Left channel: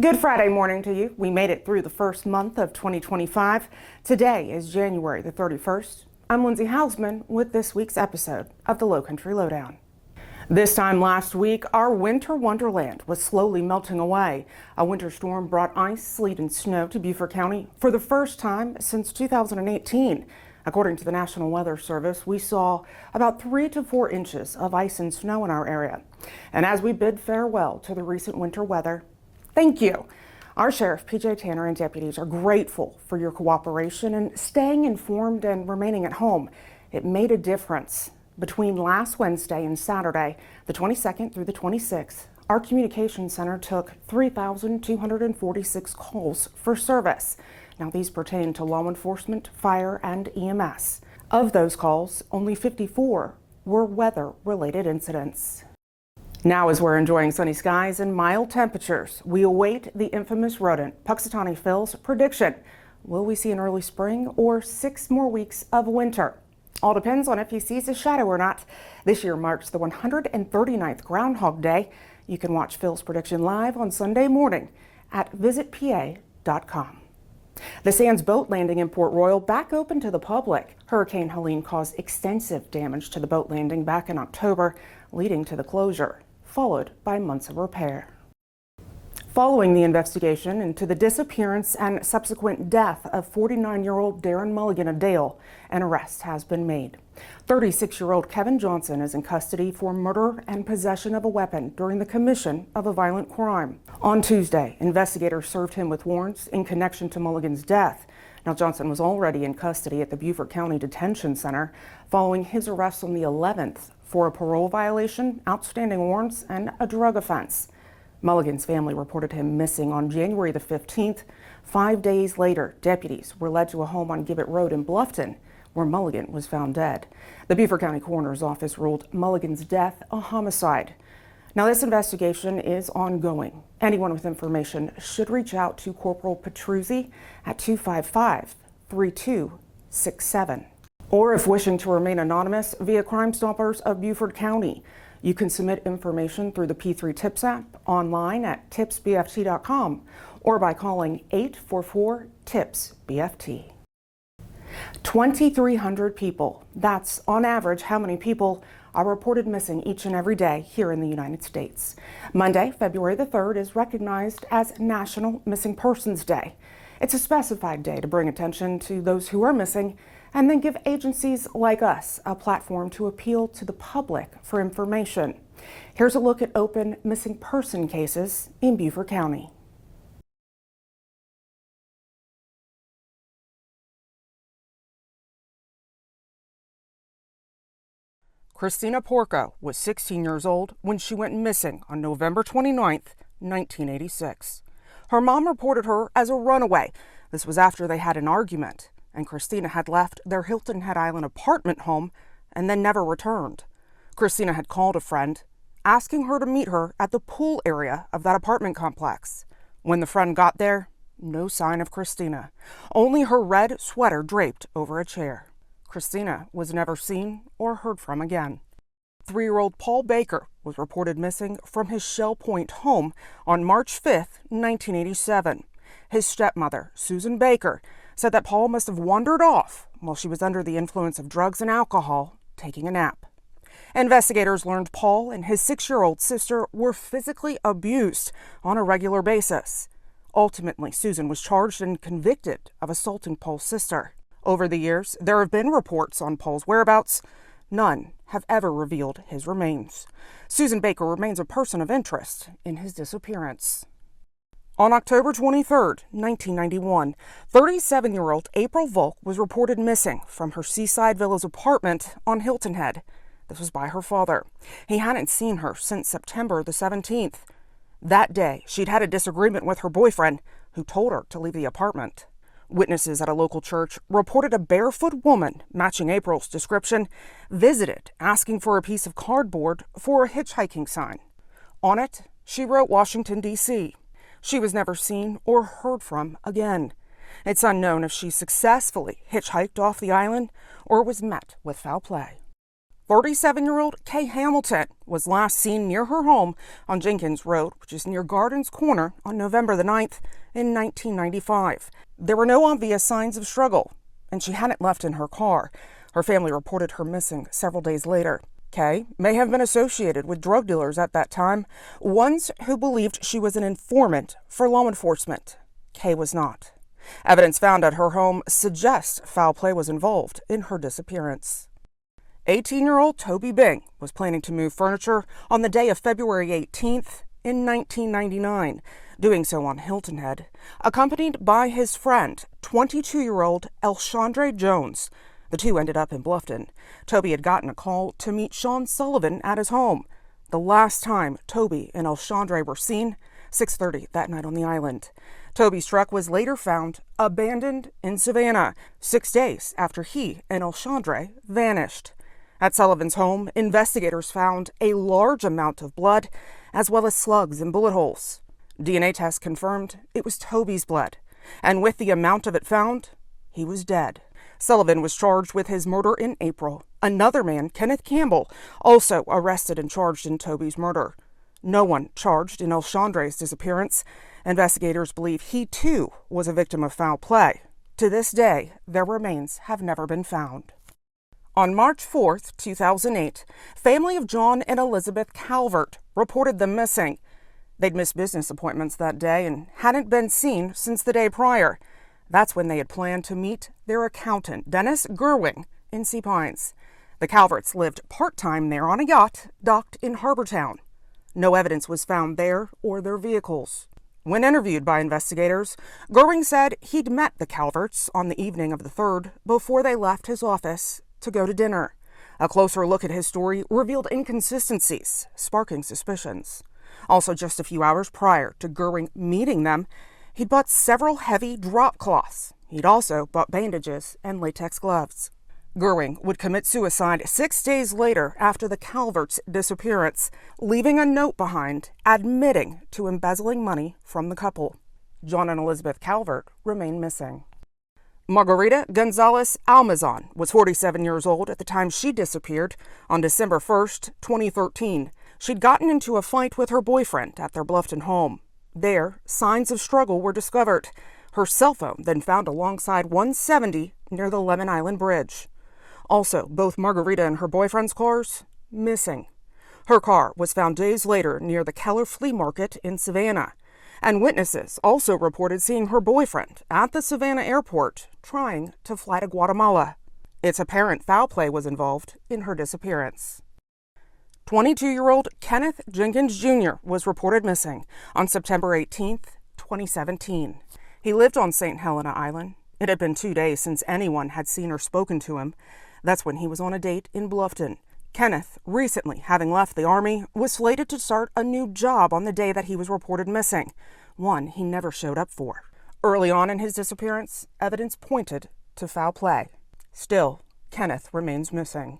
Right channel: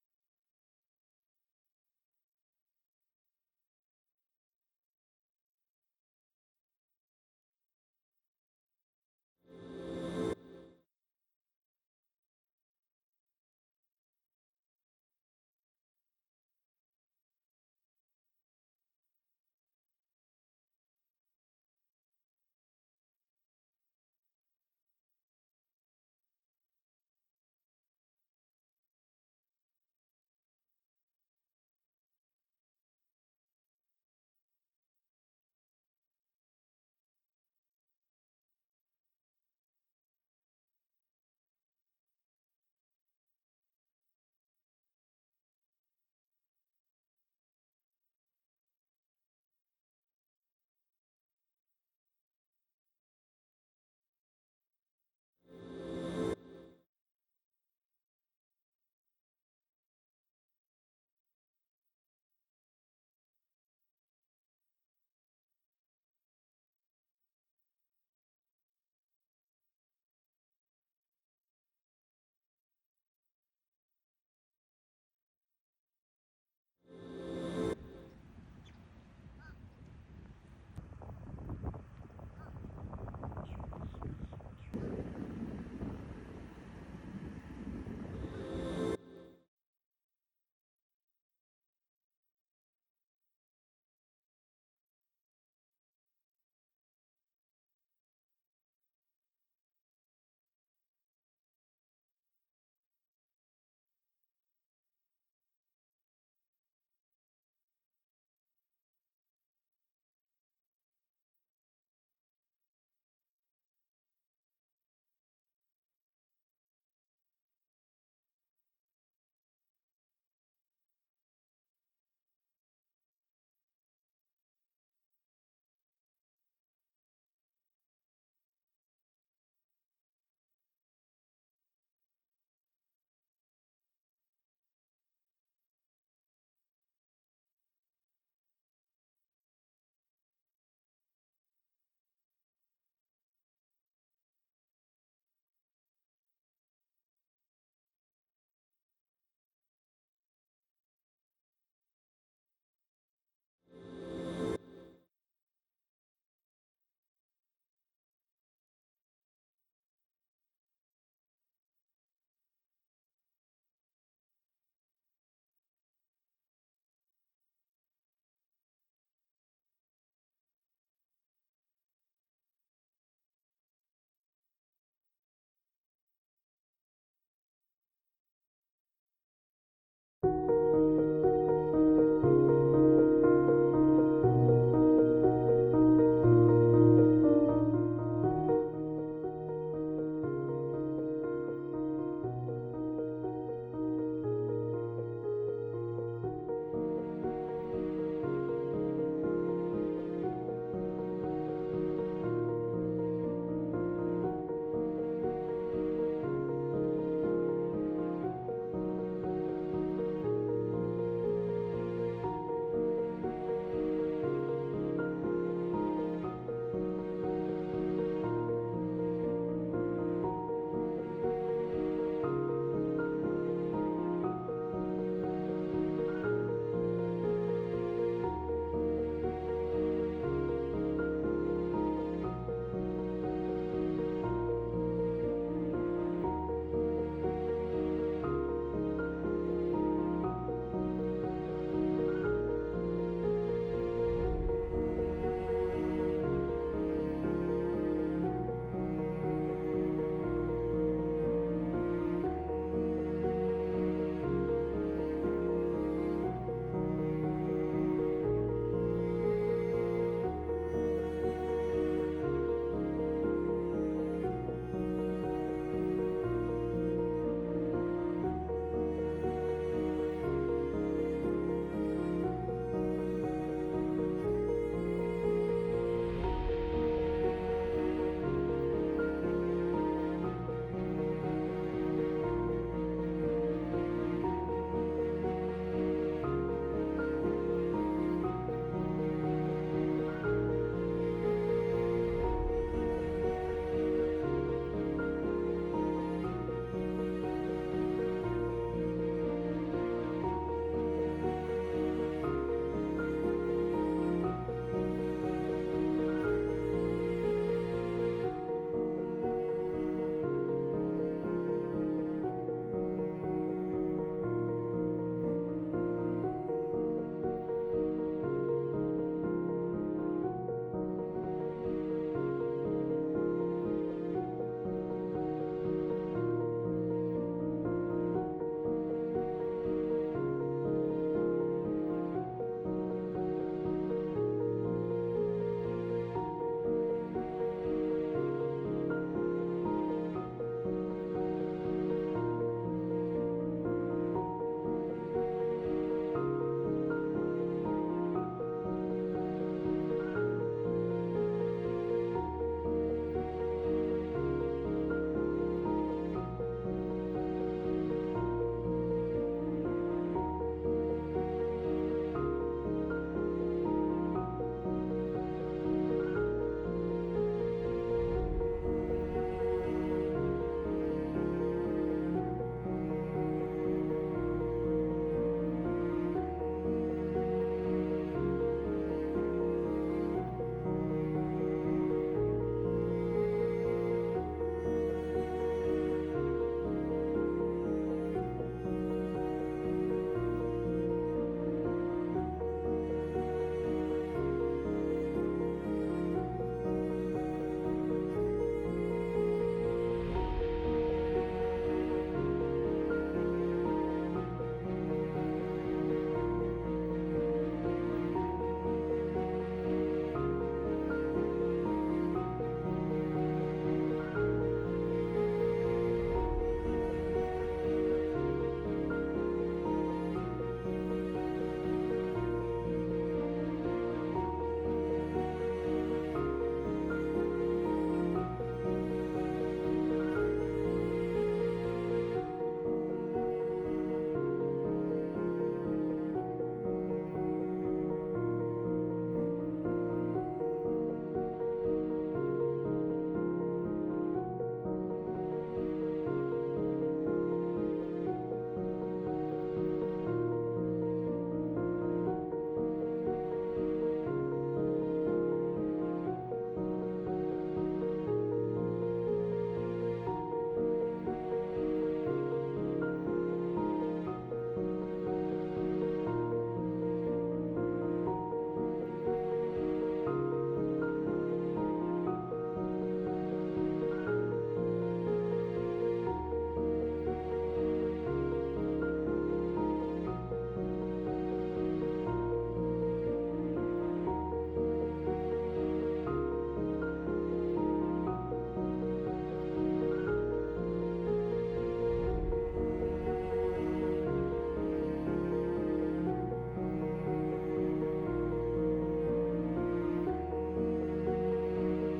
Good Friday morning to you. We made it through the first month of 2025. Today is January the 31st. I'm Lindsay Hausman with this week's episode of the Lowcountry Lowdown. This time last week, our winter wonderland was slowly melting away. A winter storm brought ice, sleet, and snow to Beaufort County for the first time since 2018. According to the National Weather Service, we saw about 3 to 4 inches of ice and snow in our area. And as we bid farewell to the recent winter weather, thank you. Our Sheriff PJ Tanner and deputies are grateful for your cooperation and staying informed and remaining at home. It made a difference. Between last Wednesday and Saturday, the 22nd through the 26th, our communications center took 3,246 calls for service. Now these pertain to law enforcement, fire, and EMS. Of those calls, only 54 were weather-related incidents. Now, as we're enjoying sunny skies and mild temperatures, we await the infamous rodent Puxatawny Phil's prediction. Will we see an early spring or 6 more weeks of winter? All depends on if he sees a shadow or not. This year marks the 139th Groundhog Day. You can watch Phil's prediction live on Sunday morning at visitpa.com. The Sands boat landing in Port Royal back open to the public. Hurricane Helene caused extensive damage to the boat landing back in October, leading to the closure, followed by months of repair. Following the investigation into the disappearance and subsequent death of 49-year-old Darren Mulligan of Dale, an arrest has been made. 36-year-old Kevin Johnson is in custody for murder and possession of a weapon during the commission of a violent crime. On Tuesday, investigators served him with warrants in connection to Mulligan's death. Now, Johnson was already in custody at the Beaufort County Detention Center following his arrest on the 11th for a parole violation, outstanding warrants, and a drug offense. Mulligan's family reported him missing on January the 15th. 5 days later, deputies were led to a home on Gibbet Road in Bluffton, where Mulligan was found dead. The Beaufort County Coroner's Office ruled Mulligan's death a homicide. Now, this investigation is ongoing. Anyone with information should reach out to Corporal Petruzzi at 255-3267. Or if wishing to remain anonymous, via Crime Stoppers of Beaufort County. You can submit information through the P3 Tips app, online at tipsbft.com, or by calling 844-TIPS-BFT. 2,300 people. That's on average how many people are reported missing each and every day here in the United States. Monday, February the 3rd, is recognized as National Missing Persons Day. It's a specified day to bring attention to those who are missing and then give agencies like us a platform to appeal to the public for information. Here's a look at open missing person cases in Beaufort County. Christina Porco was 16 years old when she went missing on November 29th, 1986. Her mom reported her as a runaway. This was after they had an argument, and Christina had left their Hilton Head Island apartment home and then never returned. Christina had called a friend, asking her to meet her at the pool area of that apartment complex. When the friend got there, no sign of Christina, only her red sweater draped over a chair. Christina was never seen or heard from again. 3-year-old Paul Baker was reported missing from his Shell Point home on March 5th, 1987. His stepmother, Susan Baker, said that Paul must have wandered off while she was under the influence of drugs and alcohol, taking a nap. Investigators learned Paul and his 6-year-old sister were physically abused on a regular basis. Ultimately, Susan was charged and convicted of assaulting Paul's sister. Over the years, there have been reports on Paul's whereabouts. None have ever revealed his remains. Susan Baker remains a person of interest in his disappearance. On October 23, 1991, 37-year-old April Volk was reported missing from her Seaside Villas apartment on Hilton Head. This was by her father. He hadn't seen her since September the 17th. That day, she'd had a disagreement with her boyfriend, who told her to leave the apartment. Witnesses at a local church reported a barefoot woman, matching April's description, visited asking for a piece of cardboard for a hitchhiking sign. On it, she wrote Washington, D.C. She was never seen or heard from again. It's unknown if she successfully hitchhiked off the island or was met with foul play. 37-year-old Kay Hamilton was last seen near her home on Jenkins Road, which is near Gardens Corner, on November the 9th in 1995. There were no obvious signs of struggle, and she hadn't left in her car. Her family reported her missing several days later. Kay may have been associated with drug dealers at that time, ones who believed she was an informant for law enforcement. Kay was not. Evidence found at her home suggests foul play was involved in her disappearance. 18-year-old Toby Bing was planning to move furniture on the day of February 18th in 1999, doing so on Hilton Head, accompanied by his friend, 22-year-old Elshandre Jones. The two ended up in Bluffton. Toby had gotten a call to meet Sean Sullivan at his home. The last time Toby and Elshandre were seen, 6:30 that night on the island. Toby's truck was later found abandoned in Savannah, 6 days after he and Elshandre vanished. At Sullivan's home, investigators found a large amount of blood, as well as slugs and bullet holes. DNA tests confirmed it was Toby's blood, and with the amount of it found, he was dead. Sullivan was charged with his murder in April. Another man, Kenneth Campbell, also arrested and charged in Toby's murder. No one charged in Elshandre's disappearance. Investigators believe he too was a victim of foul play. To this day, their remains have never been found. On March 4th, 2008, family of John and Elizabeth Calvert reported them missing. They'd missed business appointments that day and hadn't been seen since the day prior. That's when they had planned to meet their accountant, Dennis Gerwing, in Sea Pines. The Calverts lived part-time there on a yacht docked in Harbortown. No evidence was found there or their vehicles. When interviewed by investigators, Gerwing said he'd met the Calverts on the evening of the 3rd before they left his office to go to dinner. A closer look at his story revealed inconsistencies, sparking suspicions. Also, just a few hours prior to Gerwing meeting them, he bought several heavy drop cloths. He'd also bought bandages and latex gloves. Gerwing would commit suicide 6 days later after the Calverts' disappearance, leaving a note behind admitting to embezzling money from the couple. John and Elizabeth Calvert remain missing. Margarita Gonzalez Almazan was 47 years old at the time she disappeared on December 1st, 2013. She'd gotten into a fight with her boyfriend at their Bluffton home. There, signs of struggle were discovered. Her cell phone then found alongside 170 near the Lemon Island Bridge. Also, both Margarita and her boyfriend's cars missing. Her car was found days later near the Keller Flea Market in Savannah. And witnesses also reported seeing her boyfriend at the Savannah airport trying to fly to Guatemala. It's apparent foul play was involved in her disappearance. 22-year-old Kenneth Jenkins Jr. was reported missing on September 18th, 2017. He lived on St. Helena Island. It had been 2 days since anyone had seen or spoken to him. That's when he was on a date in Bluffton. Kenneth, recently having left the Army, was slated to start a new job on the day that he was reported missing, one he never showed up for. Early on in his disappearance, evidence pointed to foul play. Still, Kenneth remains missing.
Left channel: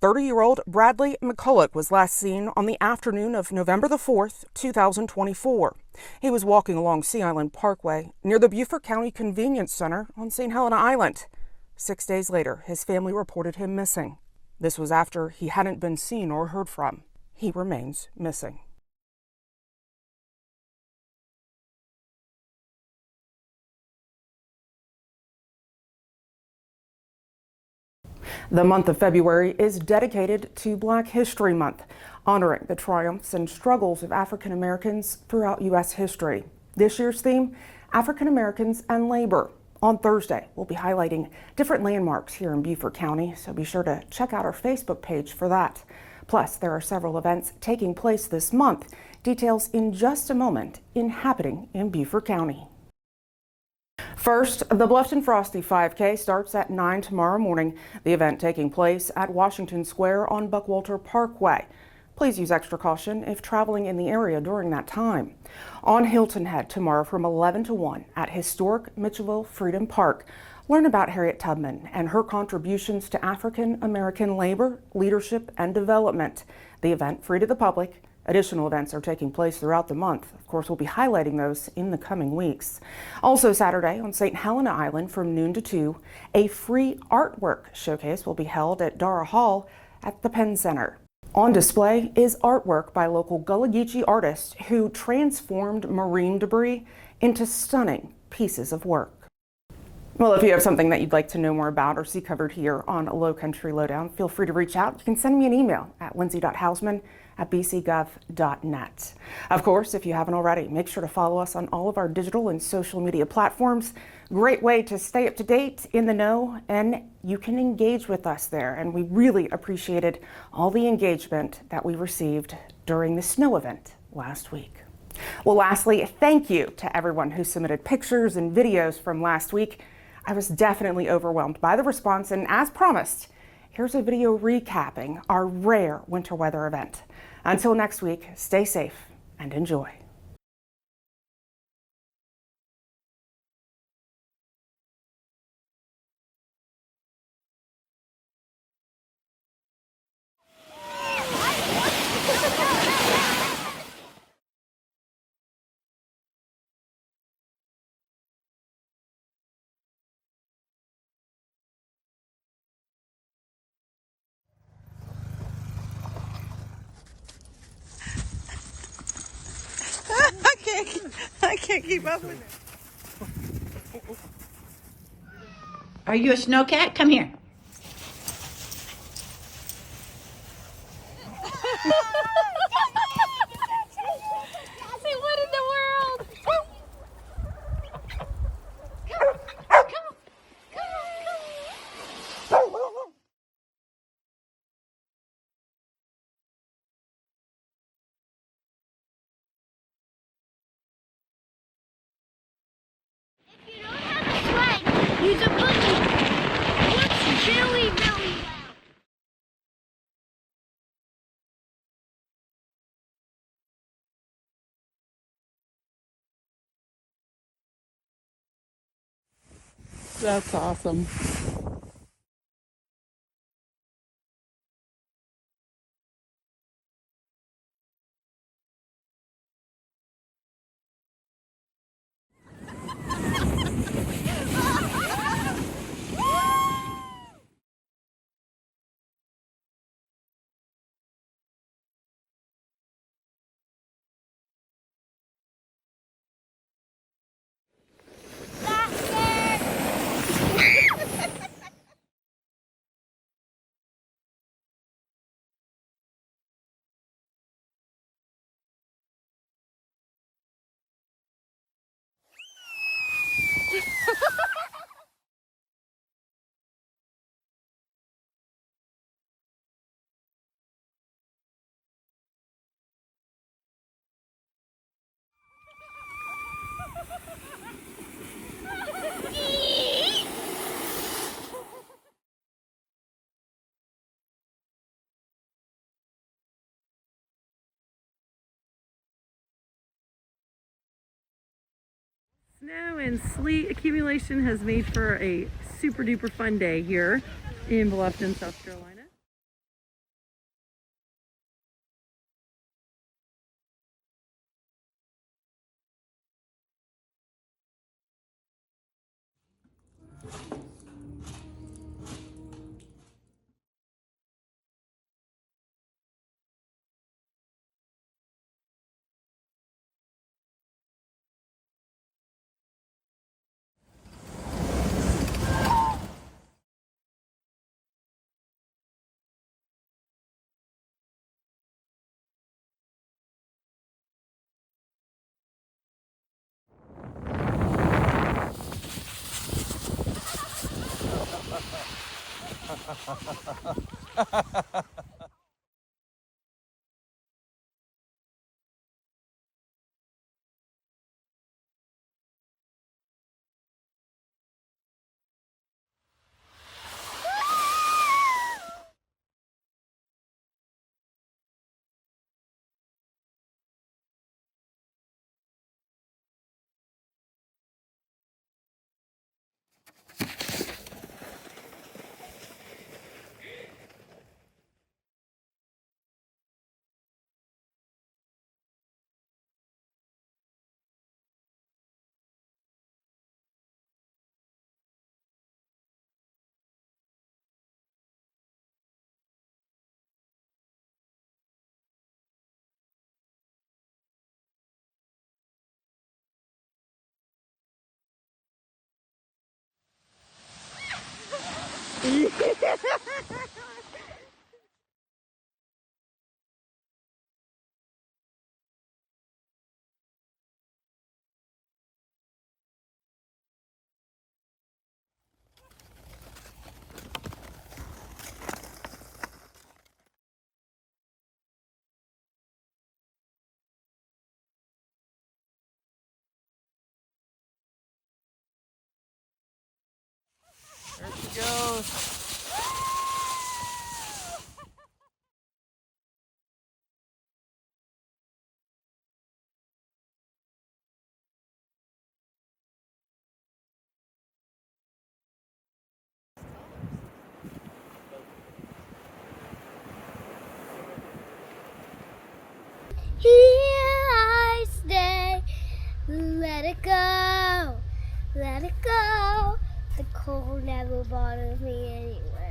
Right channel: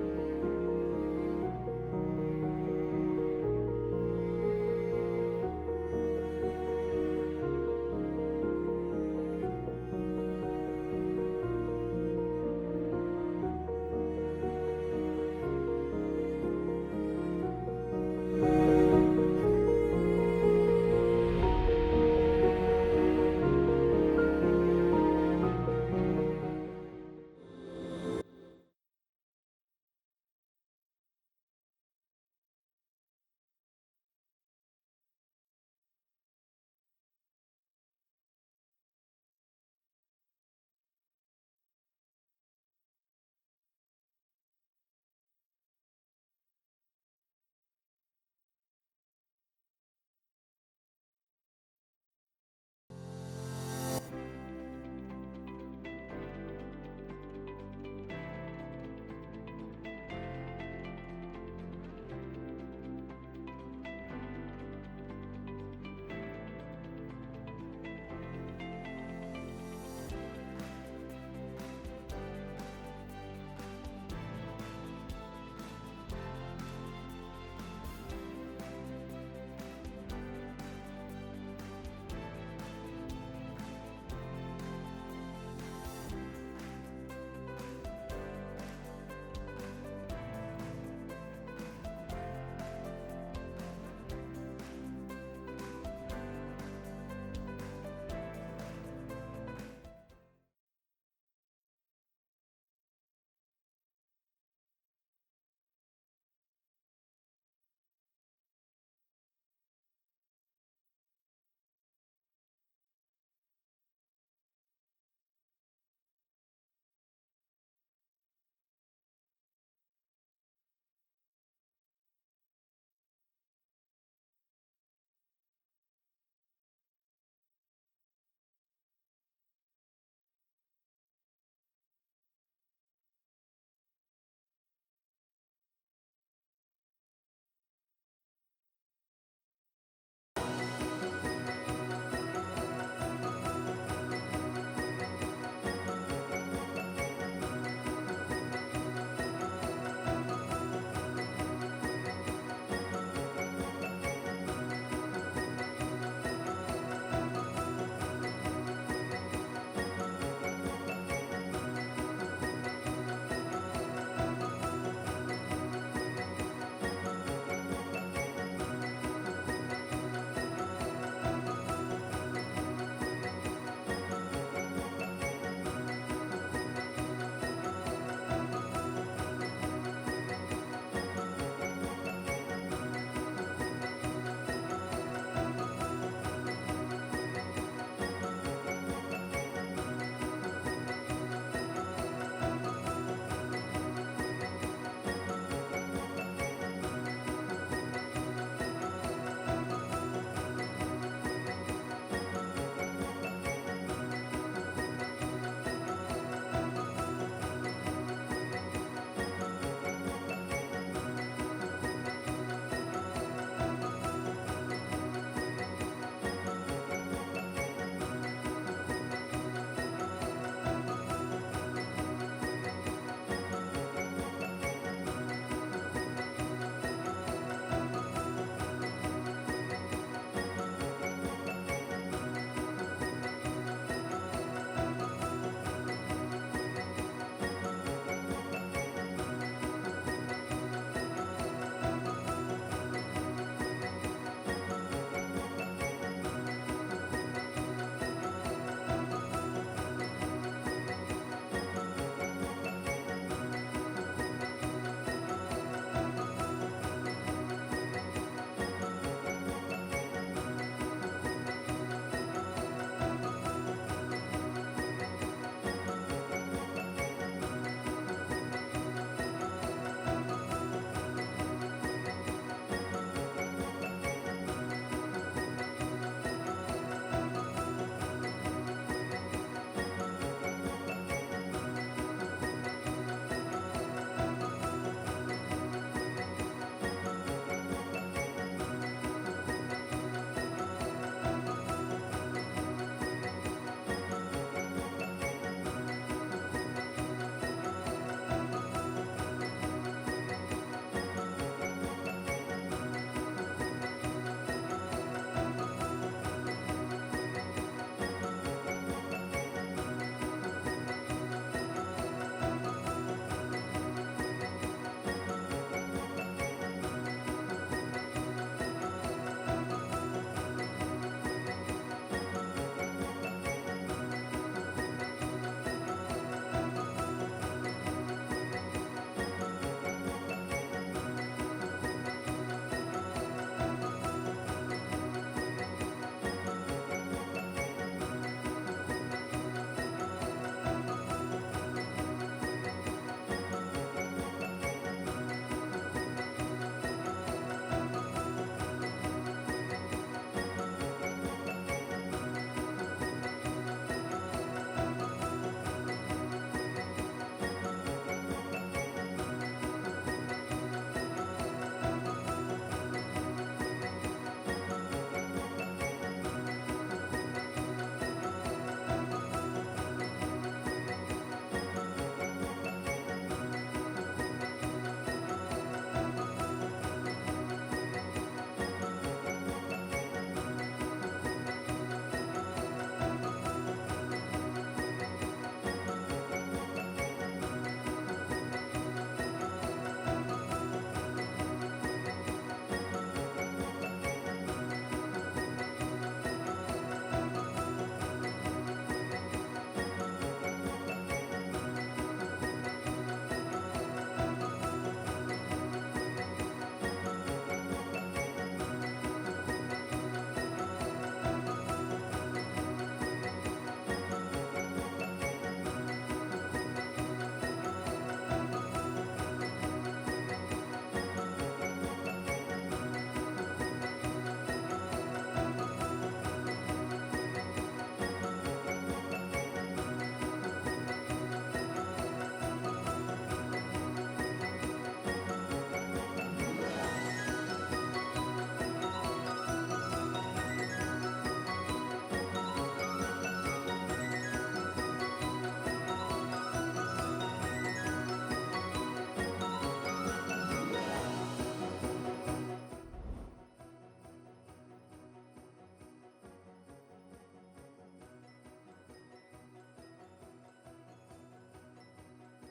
30-year-old Bradley McCulloch was last seen on the afternoon of November the 4th, 2024. He was walking along Sea Island Parkway near the Beaufort County Convenience Center on St. Helena Island. 6 days later, his family reported him missing. This was after he hadn't been seen or heard from. He remains missing. The month of February is dedicated to Black History Month, honoring the triumphs and struggles of African Americans throughout U.S. history. This year's theme, African Americans and Labor. On Thursday, we'll be highlighting different landmarks here in Beaufort County, so be sure to check out our Facebook page for that. Plus, there are several events taking place this month. Details in just a moment happening in Beaufort County. First, the Bluffton Frosty 5K starts at 9 tomorrow morning. The event taking place at Washington Square on Buckwalter Parkway. Please use extra caution if traveling in the area during that time. On Hilton Head tomorrow from 11 to 1 at historic Mitchellville Freedom Park. Learn about Harriet Tubman and her contributions to African American labor, leadership, and development. The event free to the public. Additional events are taking place throughout the month. Of course, we'll be highlighting those in the coming weeks. Also Saturday on St. Helena Island from noon to 2, a free artwork showcase will be held at Dara Hall at the Penn Center. On display is artwork by local Gullah Geechee artists who transformed marine debris into stunning pieces of work. Well, if you have something that you'd like to know more about or see covered here on Lowcountry Lowdown, feel free to reach out. You can send me an email at lindsay.hausman@bcgov.net. Of course, if you haven't already, make sure to follow us on all of our digital and social media platforms. Great way to stay up to date, in the know, and you can engage with us there. And we really appreciated all the engagement that we received during the snow event last week. Well, lastly, thank you to everyone who submitted pictures and videos from last week. I was definitely overwhelmed by the response, and as promised, here's a video recapping our rare winter weather event. Until next week, stay safe and enjoy. I can't keep up with it. Are you a snowcat? Come here. Say, what in the world? Use a buggy. What's jelly belly? That's awesome. And sleet accumulation has made for a super duper fun day here in Bluffton, South Carolina. Here I stay. Let it go. Let it go. The cold never bothers me anyway.